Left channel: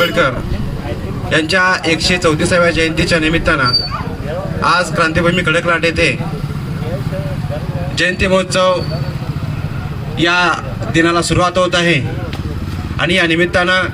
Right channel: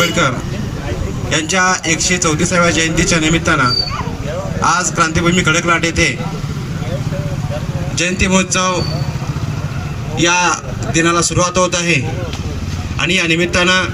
आंबेडकर यांच्या 134व्या जयंतीच्या निमित्तानं आज क्रांतीभूमी खडकलाट येथे जयंती महोत्सव या दिनाला सुरुवात होत आहे आणि या निमित्तानं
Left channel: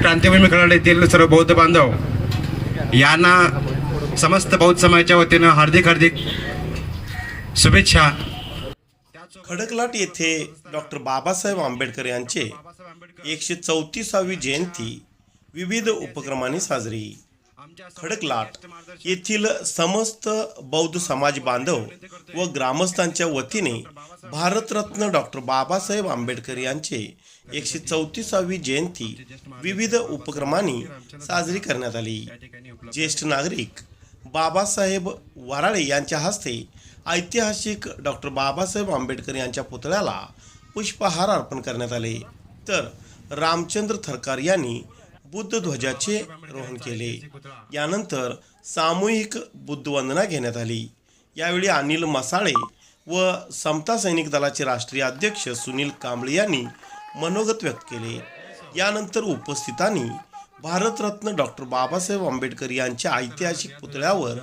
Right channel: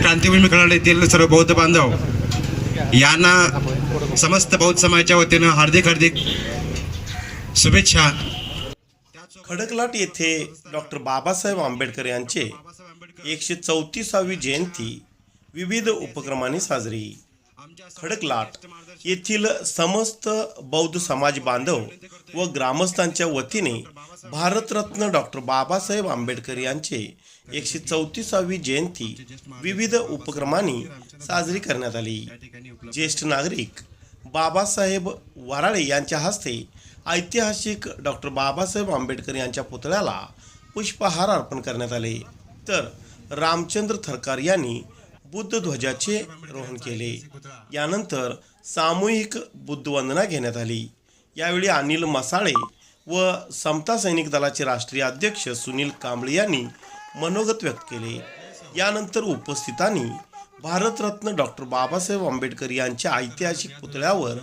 क्रांतीभूमी खडकलाट येथील सर्व बौद्ध बांधव यांना समस्त बौद्ध समाजाच्या वतीनं हार्दिक शुभेच्छा। खडकलाट येथे डॉक्टर बाबासाहेब आंबेडकर यांचे 134वी जयंती विविध उपक्रमांनी साजरी। खडकलाट येथील समस्त बौद्ध समाज बांधव व ग्रामस्थांच्या वतीने भारतरत्न डॉक्टर बाबासाहेब आंबेडकर यांचे 134वी जयंती विविध उपक्रमांनी साजरी करण्यात आली। ज्येष्ठ नागरिक बाबासाहेब वराळे यांच्या हस्ते ऐतिहासिक डॉक्टर बाबासाहेब आंबेडकर यांच्या पुतळ्याला पुष्पहार अर्पण करण्यात आले, तर रामचंद्र थरकार यांनी बुद्ध ध्वजाचे रोहण केले। यानंतर सामूहिक बुद्धवंदना घेण्यात आली। यावेळी अनिल मसाळे व समता सैनिक दलाचे राष्ट्रीय अध्यक्ष सुनील कांबळे यांनी मनोगत व्यक्त केले। यानंतर उपस्थितांनी भारतरत्न डॉक्टर बाबासाहेब आंबेडकर यांच्या ऐतिहासिक पुतळ्यावर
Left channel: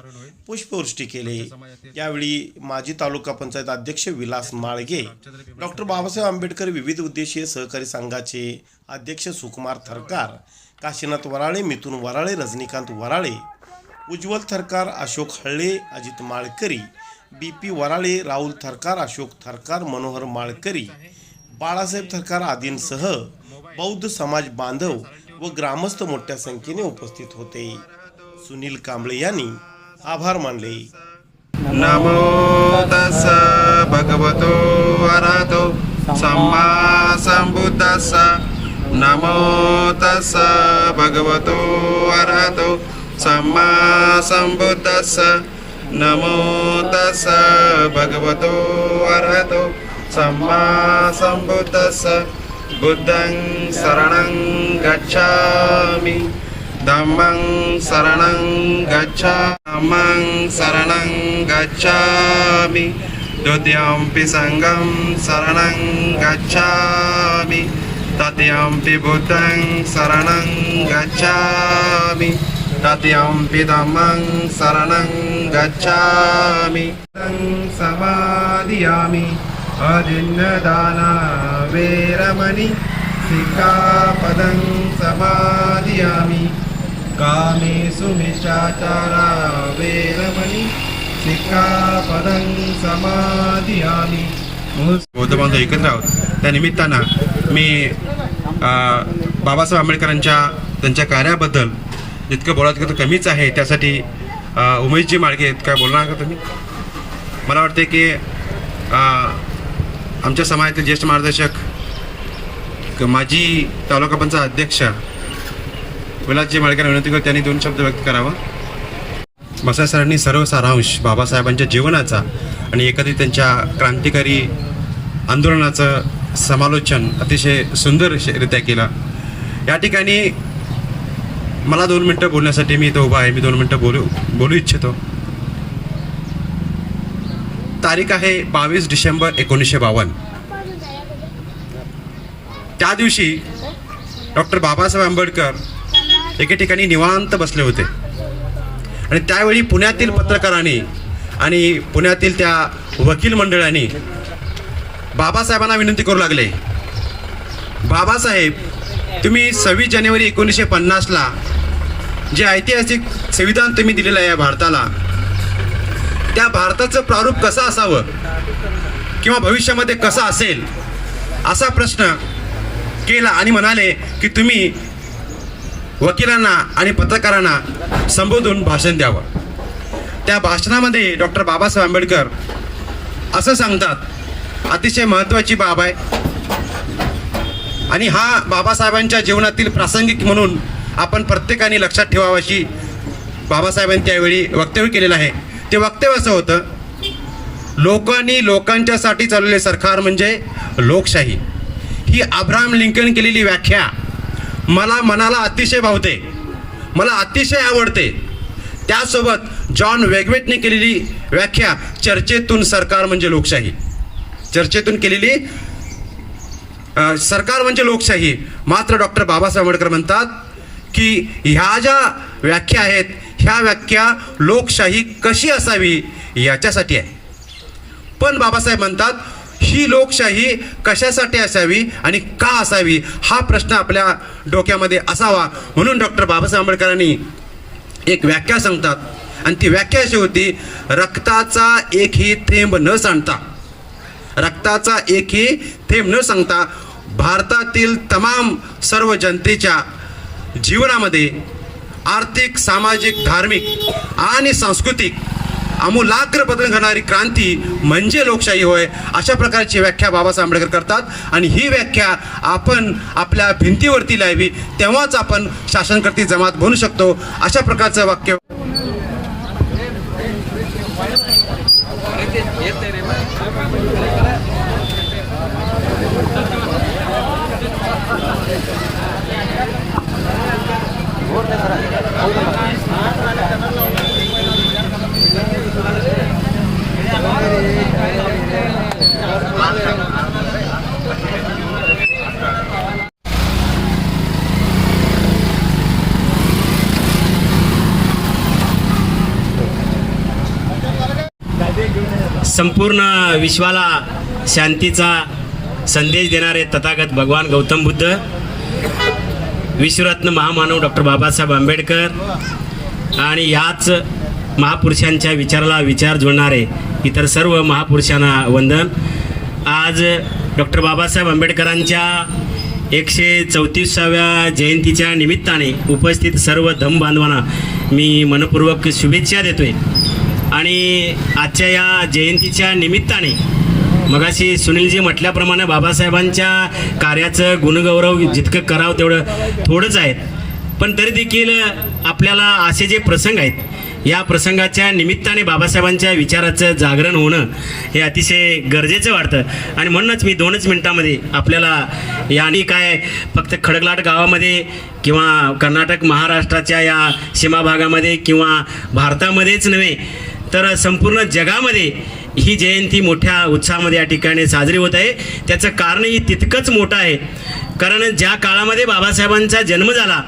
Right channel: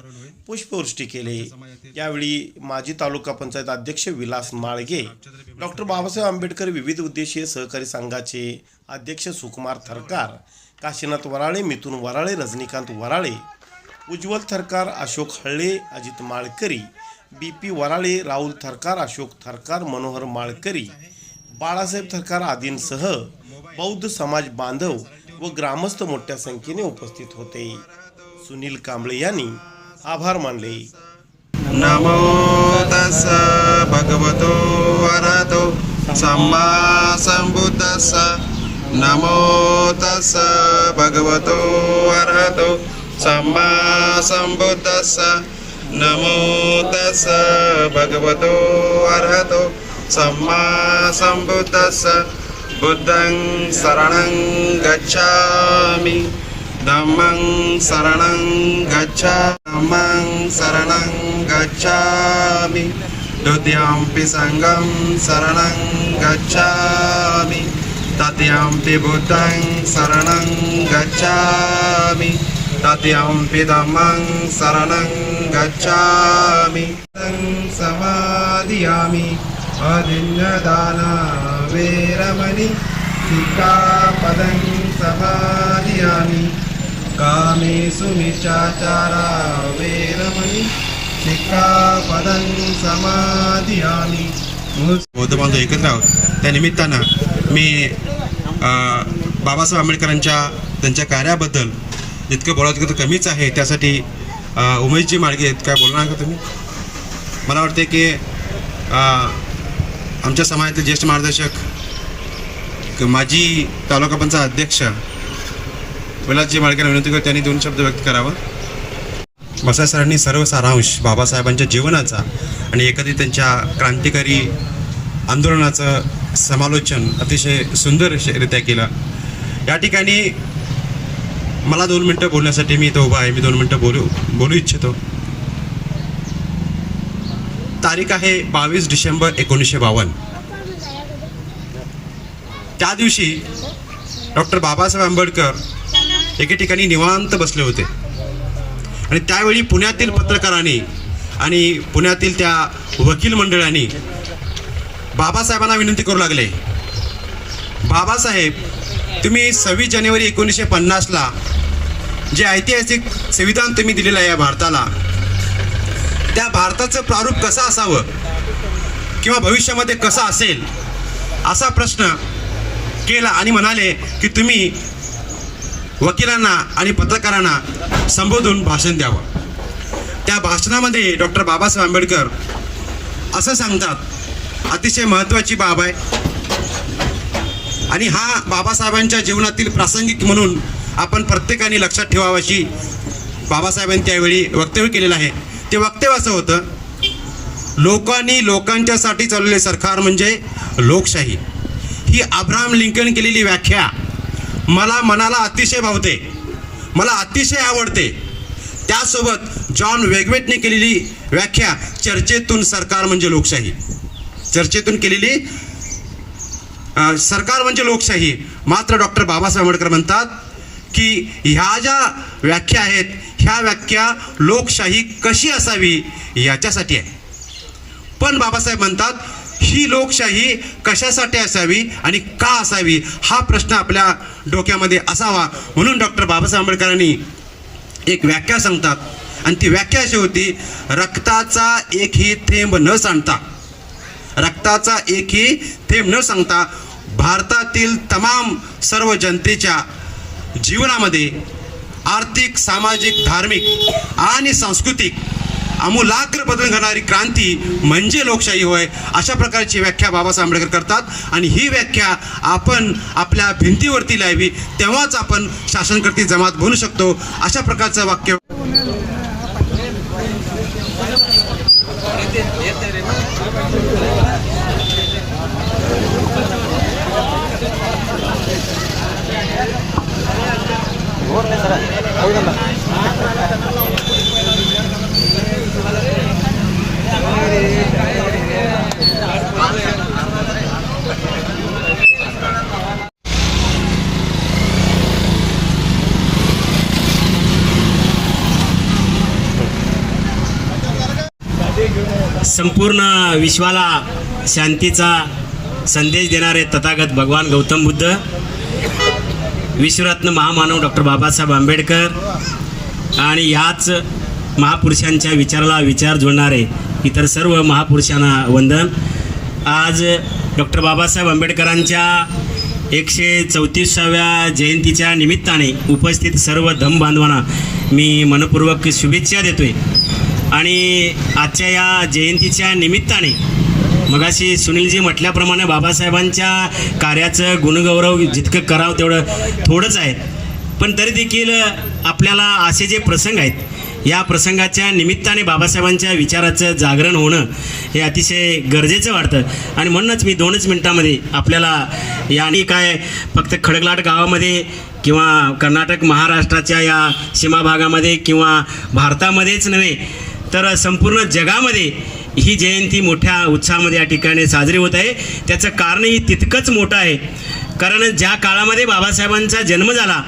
पुष्पवृष्टी केले। यावेळी माजी तालुका पंचायत अध्यक्ष विलास माळगे, डॉक्टर बाबासाहेब आंबेडकर विविध उद्देशीय सहकारी संघाचे अध्यक्ष सुकुमार थरकार, काशीनाथ वराळे, मिथुन वराळे, रजनीकांत वराळे, उज्ज्वल थरकार, अशोक हळ्ळे, अजित माळकरी, BP वराळे, राहुल थरकार, अशोक थरकार, मनोहर माळकरी, बाळासाहेब थरकार आदींसह बौद्ध समाज बांधव व ग्रामस्थ मोठ्या संख्येने उपस्थित होते। सुनील कांबळे यांनी आभार मानले। नमो तस्स भगवतो अरहतो सम्मा संबुद्धस्स। नमो तस्स भगवतो अरहतो सम्मा संबुद्धस्स। नमो तस्स भगवतो अरहतो सम्मा संबुद्धस्स। बुद्धं शरणं गच्छामि, धम्मं शरणं गच्छामि, धम्मं शरणं गच्छामि, द्वितीयंपि संघं शरणं गच्छामि, तृतीयंपि बुद्धं शरणं गच्छामि, तृतीयंपि धम्मं शरणं गच्छामि। समादियामि अदिन्नदाना वेरमणि सिक्खापदं समादियामि। कामेषु मिच्छाचारा वेरमणि सिक्खापदं समादियामि। बौद्ध बांधव एकत्र आहोत त्या निमित्तानं मी बाबासाहेब आंबेडकरांच्या त्यांच्या कार्याबद्दल इतकं बोलायचं तर कमीच आहे, त्यासाठी उमेशजी माळगे काय बोलणार का तुम्ही? मला वाटते की आमच्या समाजाचे ज्येष्ठ मार्गदर्शक माजी तालुका पंचायत अध्यक्ष विलासजी माळकेंना विनंती करतो त्यांनी 2 शब्द व्यक्त करावा। मसाई सरांनी सर्व सारांश बाबासाहेबांच्या जीवनाचा आणि एकत्रित त्यांच्या क्रांतिकारी आंदोलनाचं समालोचन अतिशय सुंदररित्या केलं। या ठिकाणी मला 2 मिनटं बोलण्यासाठी मी इथं उभा आहे। मी 2 मिनटं बोलू इच्छितो। तारीख आहे 22 डिसेंबर 1952। त्या दिवशी डॉक्टर बाबासाहेब आंबेडकर एके ठिकाणी निवांत बसले होते आणि त्यावेळी पुण्यातील पत्रकारांनी आणि पुण्यातील त्या वकील मंडळांनी बाबासाहेबांना विनंती करू लागले, बाबासाहेब तुम्ही 26 जानेवारी 1950ला जे ऐतिहासिक संविधान तुम्ही दिलेलं आहे भारताला, त्या भारताचं प्रारूप कसं असावं किंवा भविष्यामध्ये कसं असेल असा प्रश्न केला आणि म्हणाले की तुम्ही वकिलांना आणि पत्रकारांना संबोधून भाषण द्यावं। त्या भाषणामध्ये डॉक्टर बाबासाहेब आंबेडकर असं सांगतात, अतिशय महत्त्वाची बाब आहे आणि हा बाबासाहेबांच्या जीवनातील प्रासंगिक म्हणून आपण प्रत्येकाने लक्षात ठेवावं अशी बाबासाहेबांनी त्यावेळी वक्तव्य केलेलं आहे। ते वक्तव्य असं होतं, लोकांनी लोकांच्यासाठी चाललेले सरकार म्हणजे लोकशाही। ही अब्राहम लिंकन केलेली व्याख्या मला मनाला अतिशय भावते, मला अतिशय आवडते। त्यासोबत जॉन वेगवेटने केलेली व्याख्या चर्चेतून सरकार म्हणजे लोकशाही, चर्चेतून केलेली सरकार म्हणजे लोकशाही. मात्र डॉक्टर बाबासाहेब आंबेडकर म्हणतात की ह्या ज्या व्याख्या आहेत ह्या व्याख्या लोकशाही कशी असावी याच्यासाठी आहे. पण बाबासाहेब म्हणतात ही लोकशाही कशासाठी असावी आणि का असावी हा प्रश्न आपल्या डोक्यामध्ये असावा. म्हणून डॉक्टर बाबासाहेब आंबेडकरांनी एक व्याख्या सांगतात आणि ती व्याख्या अशी होती, रक्ताचा एकही थेंब न सांडता, रक्ताचा एकही थेंब न सांगता भारतातील तमाम सर्व जनतेच्या जीवनामध्ये आर्थिक, सामाजिक, धार्मिक आणि सांस्कृतिक आमूलाग्र बदल घडणारी क्रांती म्हणजे लोकशाही होय. अशा प्रकारची व्याख्या बाबासाहेब आंबेडकर करतात आणि ही व्याख्या आपण आपल्या भिंतीवरती लावी तेव्हाच आपण शासनकर्ती जमात बनू शकतो. अशा प्रकारचं वाक्य संपूर्ण विश्वाला शांतीचा संदेश देणारे तथागत भगवान गौतम बुद्ध, विश्वरत्न महामानव डॉक्टर बाबासाहेब आंबेडकर आणि ह्याच महापुरुषांच्या विचाराला विचार जोडणारे इतर सर्व महापुरुषांना वंदन. आज डॉक्टर बाबासाहेब आंबेडकरांच्या 134व्या जयंतीच्या निमित्ताने उपस्थित सर्व धम्मबांधवांना मी मनपूर्वक शुभेच्छा देतोय. आणि आजच्या या जयंतीच्या निमित्ताने मगाशी सुनीलजी म्हटल्याप्रमाणे बाबासाहेबांच्या कार्याचं गुणगौरव जितकं करावं तेवढं थोडंच आहे. पण तरी देखील आपल्याला असे जे प्रसंग आहेत या प्रसंगाच्या निमित्ताने बाबासाहेबांच्या विचाराचं जागरण होणं हे अतिशय गरजेचं वाटतं. आणि म्हणूनच मी 2च मिनिटामध्ये आपल्याला याने काय फक्त खडकलाट गावामध्ये किंवा कर्नाटक महाराष्ट्राच्या या सीमा भागामध्ये किंवा भारतामध्येच नव्हे तर संपूर्ण जगामध्ये ही जयंती मोठ्या उत्साहामध्ये या ठिकाणी साजरी होत आहे. त्याचं कारणही तितकंच मोठं आहे. कारण ज्या काळामध्ये बाबासाहेबांचा जन्म झाला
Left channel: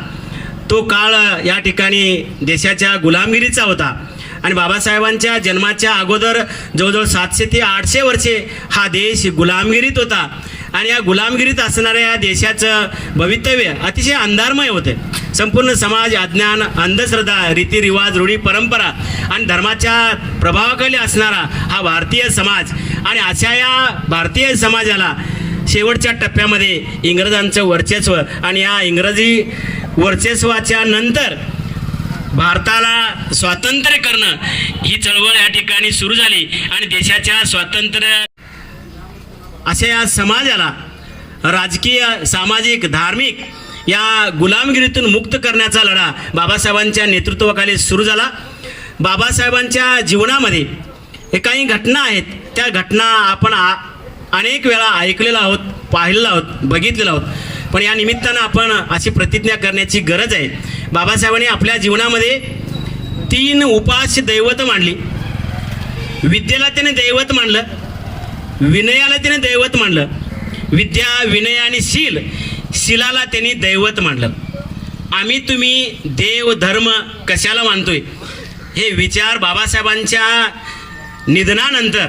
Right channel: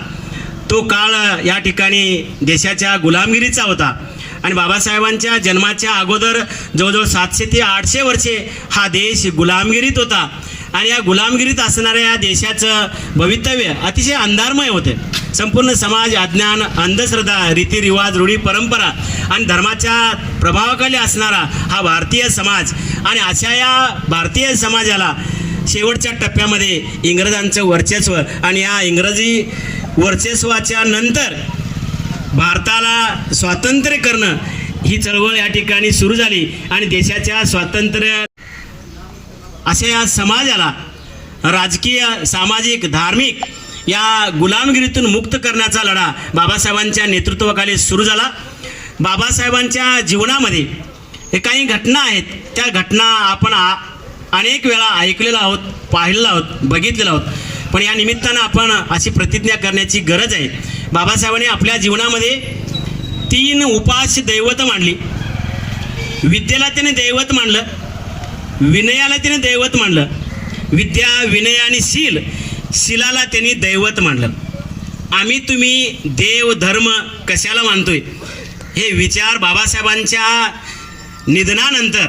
तो काळ या ठिकाणी देशाच्या गुलामगिरीचा होता. आणि बाबासाहेबांच्या जन्माच्या अगोदर जवळजवळ 700 ते 800 वर्षे हा देश गुलामगिरीत होता. आणि या गुलामगिरीत असणाऱ्या या देशाचं भवितव्य अतिशय अंधारमय होतं. संपूर्ण समाज अज्ञान, अंधश्रद्धा, रीतिरिवाज, रूढी परंपरा आणि धर्माच्या प्रभावाखाली असणारा हा भारतीय समाज. आणि अशा या भारतीय समाजाला शेवटच्या टप्प्यामध्ये इंग्रजांचं वर्चस्व आणि या इंग्रजी वर्चस्वाच्या नंतर भारताला स्वातंत्र्य करणं ही चळवळ या ठिकाणी सुरू झाली. आणि देशाच्या स्वातंत्र्य अशा या समाजाला राजकीय, सामाजिक, धार्मिक या गुलामगिरीतून मुक्त करण्याचा लढा बाबासाहेबांच्या नेतृत्वाखाली सुरू झाला. बाबासाहेबांच्या जीवनामध्ये काही घटना आहेत, त्या घटना आपण अनेक वेळा ऐकलेल्या आहोत, पाहिलेलं आहोत, बघितलेलं आहोत. पण या निमित्तानं आपण अशी प्रतिज्ञा करण्याची गरज आहे. बाबासाहेबांनी आपल्या जीवनामध्ये 3 उपास्य दैवत मांडली. विद्येला त्याने दैवत मांडलं, विनयाला त्याने दैवत मांडलं, विद्या, विनय आणि शीलाला त्यांनी दैवत मांडलं. आम्ही तुम्ही देव धर्म कशाला मानतोय हे विचार बाबासाहेबांच्या निधनानंतर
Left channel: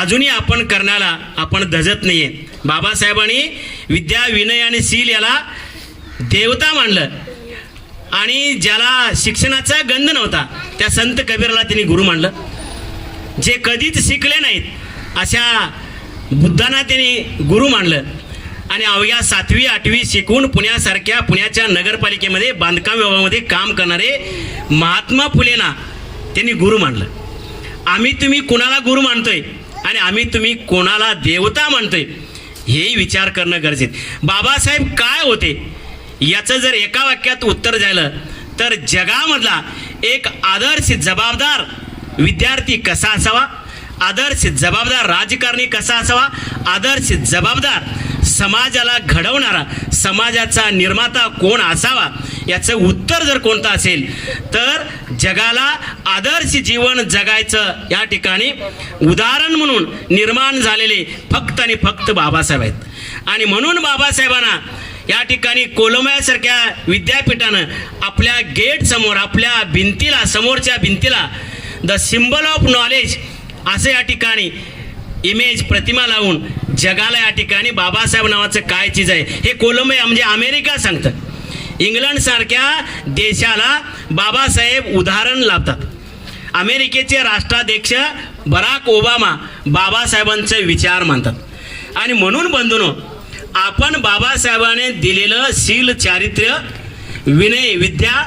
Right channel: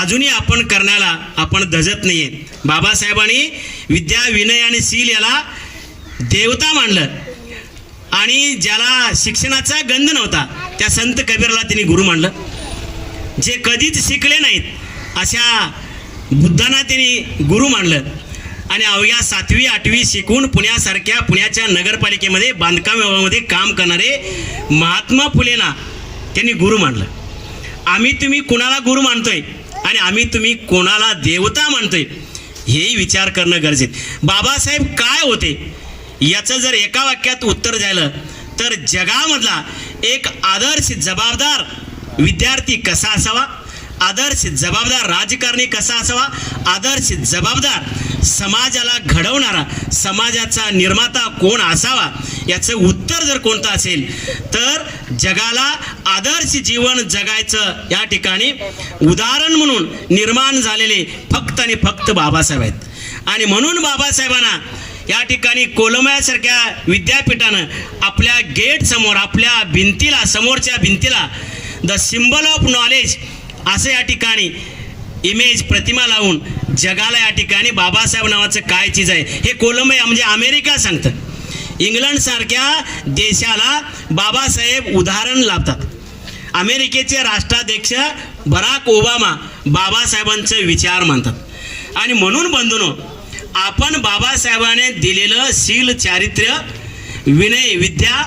अजूनही आपण करण्याला आपण धजत नाहीये. बाबासाहेबांनी विद्या, विनय आणि शील याला देवता मानलं. आणि ज्याला शिक्षणाचा गंध नव्हता त्या संत कबीरला त्यांनी गुरु मानलं. जे कधीच शिकले नाहीत अशा बुद्धांना त्यांनी गुरु मानलं. आणि अवघ्या 7वी 8वी शिकून पुण्याच्या नगरपालिकेमध्ये बांधकाम विभागामध्ये काम करणारे महात्मा फुलेंना त्यांनी गुरु मानलं. आम्ही तुम्ही कोणाला गुरु मानतोय आणि आम्ही तुम्ही कोणाला देवता मानतोय हेही विचार करणं गरजेचं. बाबासाहेब काय होते याचं जर एका वाक्यात उत्तर झालं तर जगामधला एक आदर्श जबाबदार विद्यार्थी कसा असावा, आदर्श जबाबदार राजकारणी कसा असावा, आदर्श जबाबदार समाजाला घडवणारा समाजाचा निर्माता कोण असावा याचं उत्तर जर कोणतं असेल तर जगाला आदर्श जीवन जगायचं या ठिकाणी उदाहरण म्हणून निर्माण झालेले फक्त आणि फक्त बाबासाहेब आहेत. आणि म्हणून बाबासाहेबांना या ठिकाणी कोलंबयासारख्या विद्यापीठानं आपल्या गेट समोर, आपल्या भिंतीला, समोरच्या भिंतीला द सिम्बॉल ऑफ नॉलेज असं या ठिकाणी इमेज, प्रतिमा लावून जगाला या ठिकाणी बाबासाहेब नावाचं काय चीज आहे हे कोलंबिया म्हणजे अमेरिका सांगतं. इंग्लंड सारख्या देशाला बाबासाहेब उदाहरण लाभतात. अमेरिकेचे राष्ट्राध्यक्ष बराक ओबामा बाबासाहेबांचे विचार मानतात. आणि म्हणून बंधूंनो, आपण बाबासाहेबांनी दिलेलं शील, चारित्र्य, विनय, विद्या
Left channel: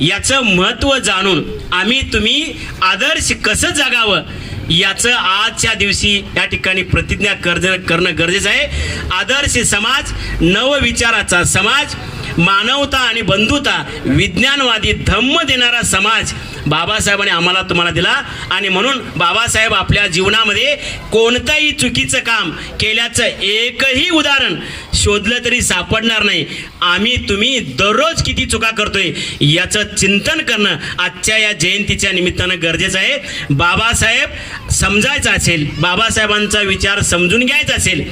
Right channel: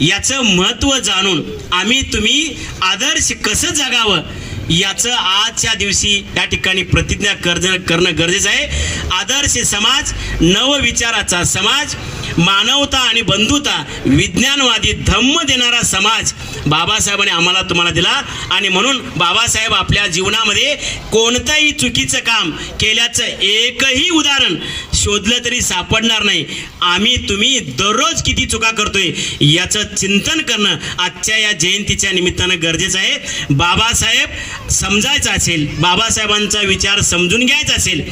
याचं महत्त्व जाणून आम्ही तुम्ही आदर्श कसं जगावं याचं आजच्या दिवशी या ठिकाणी प्रतिज्ञा करणं गरजेचं आहे. आदर्श समाज, नवविचाराचा समाज, मानवता आणि बंधुता, विज्ञानवादी, धम्म देणारा समाज बाबासाहेबांनी आम्हाला तुम्हाला दिला. आणि म्हणून बाबासाहेब आपल्या जीवनामध्ये कोणतंही चुकीचं काम केल्याचं एकही उदाहरण शोधलं तरी सापडणार नाही. आम्ही तुम्ही दररोज किती चुका करतोय याचं चिंतन करणं आजच्या या जयंतीच्या निमित्तानं गरजेचं आहे. बाबासाहेब समजायचं असेल, बाबासाहेबांचा विचार समजून घ्यायचा असेल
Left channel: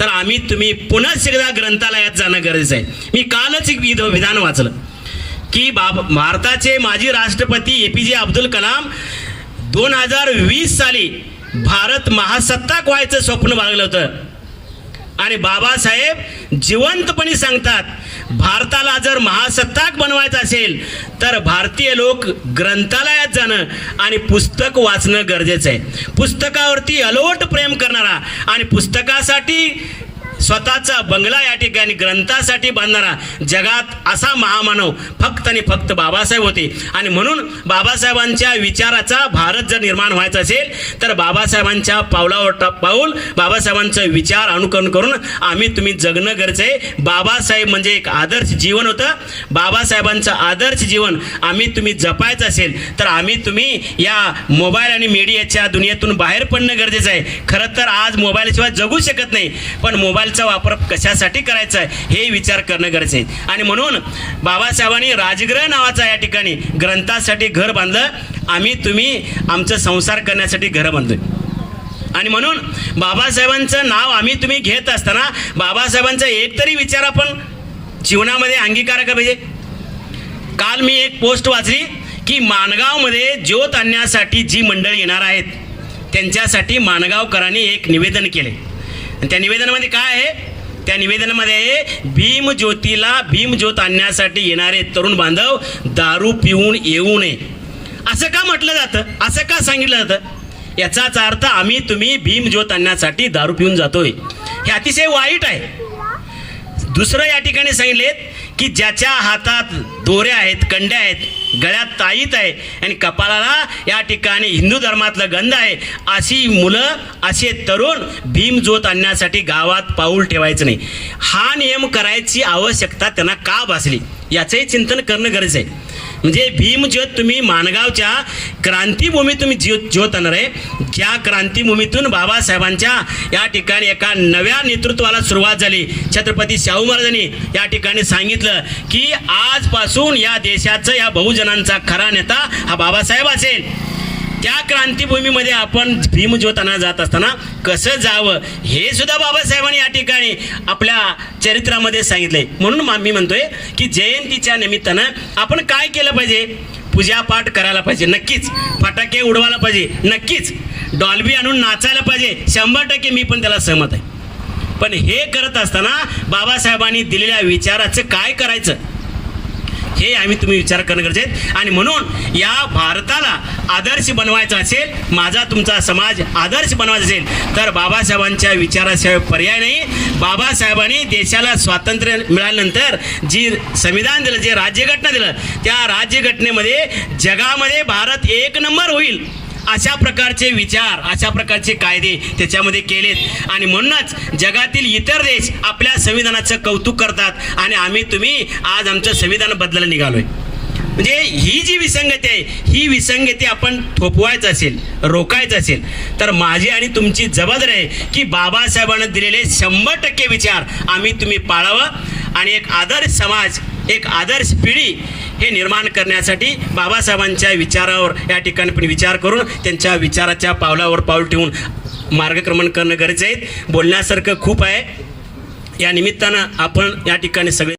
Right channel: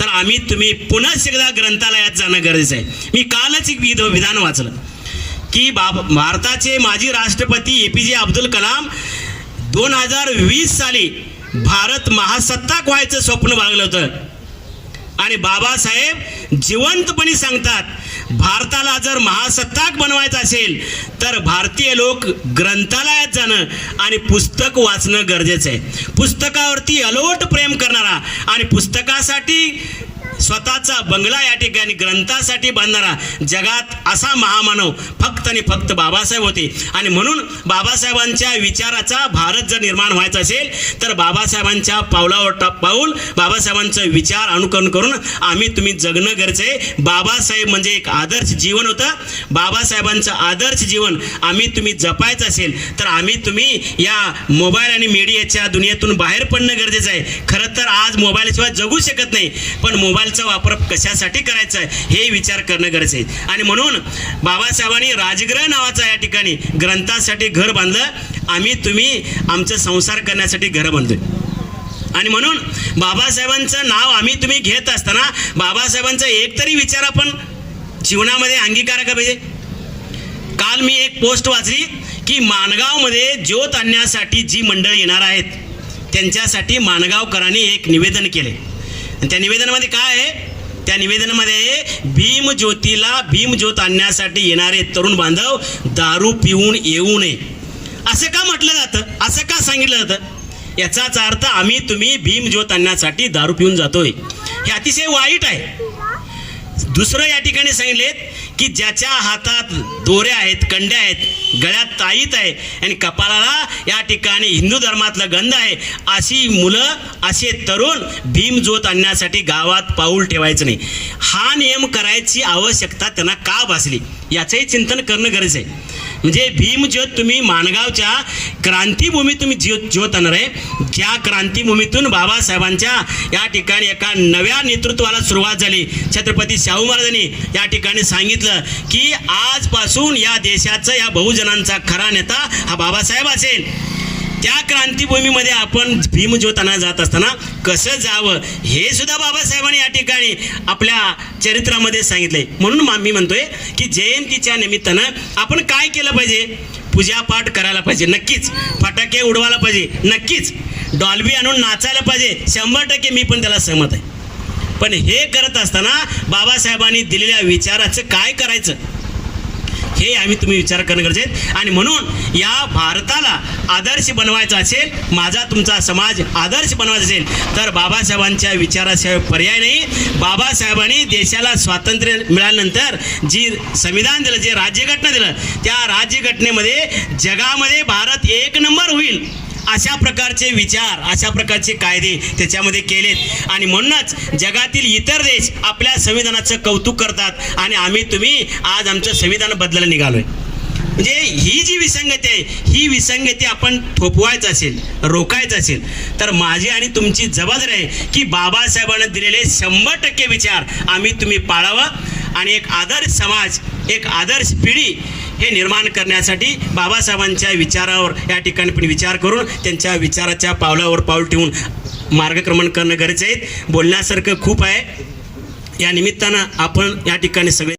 तर आम्ही तुम्ही पुन्हा एकदा ग्रंथालयात जाणं गरजेचं आहे. मी कालच एक विधान वाचलं की भारताचे माजी राष्ट्रपती APJ अब्दुल कलाम 2020 साली भारत महासत्ताक व्हायचं स्वप्न बाळगलं होतं. आणि बाबासाहेब जिवंतपणे सांगतात, भारताला जर महासत्ताक बनवायचं असेल तर भारतीय लोक ग्रंथालयात जाणं आणि पुस्तक वाचणं गरजेचं आहे. पुस्तकावरती अलोट प्रेम करणारा आणि पुस्तकासाठी स्वतःचा बंगला या ठिकाणी ग्रंथासाठी बांधणारा जगात असा महामानव फक्त आणि फक्त बाबासाहेब होते. आणि म्हणून बाबासाहेबांच्या विचाराचा भारत जर निर्माण व्हायचा असेल तर बाबासाहेबांच्या पावलावर पाऊल, बाबासाहेबांचा विचार अनुकरण करून आम्ही तुम्ही जगणं गरजेचं आहे. बाबासाहेब म्हणजे एक आदर्श जीवन होतं. बाबासाहेबांचं आदर्श जीवन आम्ही तुम्ही जपायचं असेल तर आम्ही तुम्ही या मोबाईल आणि मीडियाच्या दुनियेतून बाहेर पडणं गरजेचं आहे. खरं तर आज मोबाईलशिवाय जगू शकत नाही, पण मोबाईलचा वापर कशासाठी करायचा आहे हे विचार करणं गरजेचं आहे. आणि म्हणून बाबासाहेबांनी राजगृह नावाचा या ठिकाणी ग्रंथासाठी घर बांधलं. आम्ही तुम्ही आमचं संसार करण्यासाठी घर बांधतोय. आणि म्हणून बाबासाहेबांचं नाव आम्ही तुम्ही घेत असताना बाबासाहेबांचा एक तरी विचार आपण जीवनामध्ये अंगीकार का पाहिजे. काल मी एक पोस्ट वाचली की माणगावमध्ये ज्योत आणण्यासाठी जी मंडळी येणार आहेत त्यांच्यासाठी माणगावकरांनी एक निवेदन केले. त्या निवेदनामध्ये काय आहे, त्या निवेदनामध्ये भीमज्योत आणण्यासाठी येणारे तरुण बांधव दारू पिऊन येऊ नये असं का म्हटलं जातं, असं का सांगितलं जातं. याचाच अर्थ आम्ही तुम्ही भीमज्योत आणण्यासाठी दारू पिऊन जातोय हे अतिशय वाईट आहे. दुसरं या ठिकाणी सांगितलेत की ज्याच्या हातात दोऱ्या आहेत, कंड्या आहेत, गळ्यात ताईत आहे आणि कपाळाला या ठिकाणी हिंदू धर्मातलं गंध आहे, अशी मुलं, असे तरुण भीमज्योत आणण्यासाठी गावात पाऊल ठेवायचं नाही. हा नियम करायची आवश्यकता त्यांना का भासली याचंही चिंतन करणं गरजेचं आहे. म्हणजे भीमज्योत तुम्ही माणगावच्या क्रांतीभूमी तुम्ही ज्योत आणणार आहे, ज्या क्रांतीभूमीतून बाबासाहेबांच्या या ठिकाणी एका नव्या नेतृत्वाला सुरुवात झाली. छत्रपती शाहू महाराजांनी या ठिकाणी सांगितलं की आजपासून या देशाचं, या बहुजनांचा खरा नेता हा बाबासाहेब असेल. त्या क्रांतीभूमीमध्ये आपण भीमज्योत आणा जात असताना कसं जावं हे सुद्धा बाबासाहेबांनी या ठिकाणी आपल्या चरित्रामध्ये सांगितलंय. म्हणून मी म्हणतोय की जयंतीच्या निमित्तानं आपण काय केलं पाहिजे, पूजापाठ करायला पाहिजे नक्कीच, फटाके उडवायला पाहिजे नक्कीच, डॉल्बी आणून नाचायला पाहिजे 100% मी पण त्याला सहमत आहे. पण हे करत असताना बाबासाहेबांनी दिलेल्या विचाराचं काय करायचं हे आम्ही तुम्ही विचार करणं गरजेचं आहे. आणि म्हणून या भारताला आदर्श बनवायचा असेल, माझा तुमचा समाज आदर्श बनवायचा असेल तर बाबासाहेबांच्या विचाराशिवाय पर्याय नाही. बाबासाहेबांनी देशाला स्वातंत्र्य मिळाल्यानंतर जी संविधान दिलं, जे राज्यघटना दिलं, त्या राज्यघटनेमध्ये जगामध्ये भारत एक नंबर होईल अशा प्रकारचे विचार, अशा प्रकारचे कायदे त्याच्यामध्ये केलेत. आणि म्हणूनच जगातील इतर देश आपल्या संविधानाचं कौतुक करतात आणि आम्ही तुम्ही आज आमचं संविधान बदलायला निघालोय. म्हणजे ही जी विसंगती आहे, ही विसंगती आपण थोपवायचं असेल, रोखायचं असेल तर माझी आणि तुमची जबाबदारी आहे की बाबासाहेबांनी दिलेले 100% विचार आम्ही तुम्ही पाळावं आणि एक आदर्श समाज, एक आदर्श पिढी हे निर्माण करण्यासाठी बाबासाहेबांच्या विचारावर या ठिकाणी पण विचार करून त्यांच्या विचाराच्या पावलावर पाऊल ठेवून मार्गक्रमण करणं गरजेचं आहे. बोलण्यासारखं खूप आहे या निमित्तानं आपण या ठिकाणी सगळे